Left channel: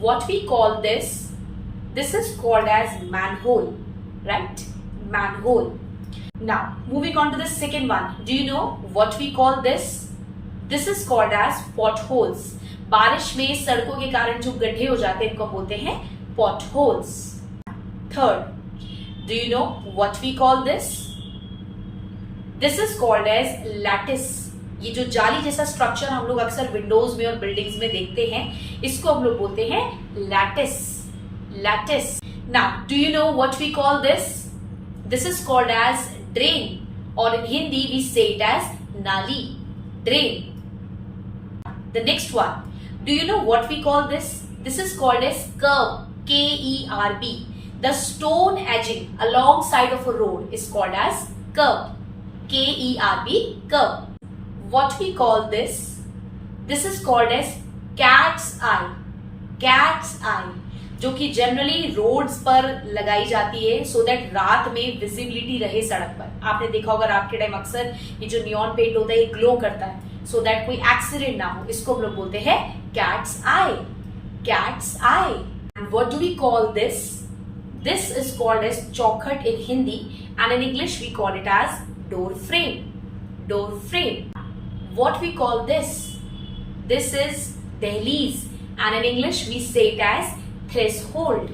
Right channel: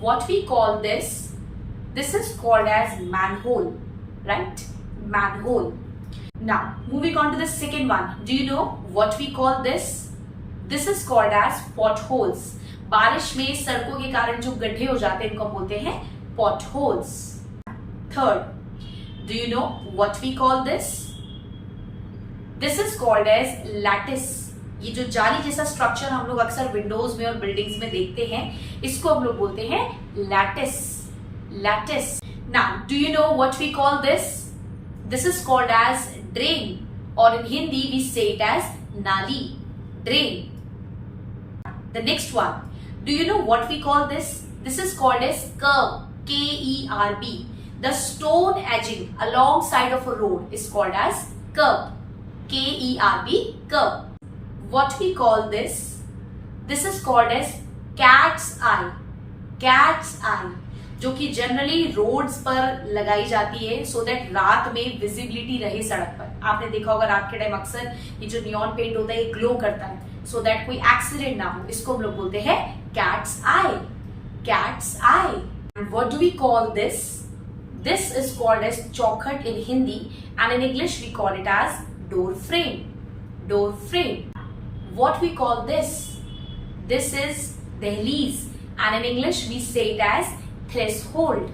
what we call this? This is called as manhole, right? Manhole. Now, moving on to the second one. Do you know what we call this? This is called as potholes. बारिश में सड़कों के कारण जो गड्ढे हो जाते हैं इनको बोलते हैं potholes. Third, do you know what we call this? This is called as lattice. ये जो जाली जैसा स्ट्रक्चर हम लोग अक्सर विंडोज में और बिल्डिंग्स में देखते हैं, इसको हम लोग बोलते हैं lattice. Lattice. Now, do you know what we call this? This is called as drain, or in Hindi we say it as nali. Drain. The next one. Do you know what we call this? This is called as curb. K-E-R-B. The stone edging alongside of a road is called as curb. K-E-R-B. Curb. What we call this? This is called as cat's eye. Cat's eye. जो कि generally roads पर लगाई जाती है so that रात में visibility रहे सड़क पर. आपने देखा होगा रात के टाइम अक्सर ये जो नियॉन पेंट होता है ये ग्लो करता है सो दैट कोई एक्सीडेंट ना हो. इसको हम लोग बोलते हैं cat's eye. Cat's eye. And what do we call this? This is called as chaukhat in Hindi and in English we call it as door frame. Door frame. What we call this? This is dehliz, and in English we say it as threshold.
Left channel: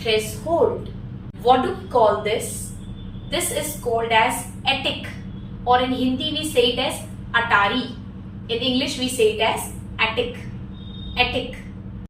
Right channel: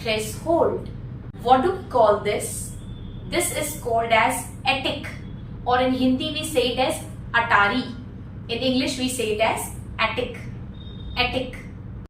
Threshold. What do we call this? This is called as attic, or in Hindi we say it as atari. In English we say it as attic. Attic.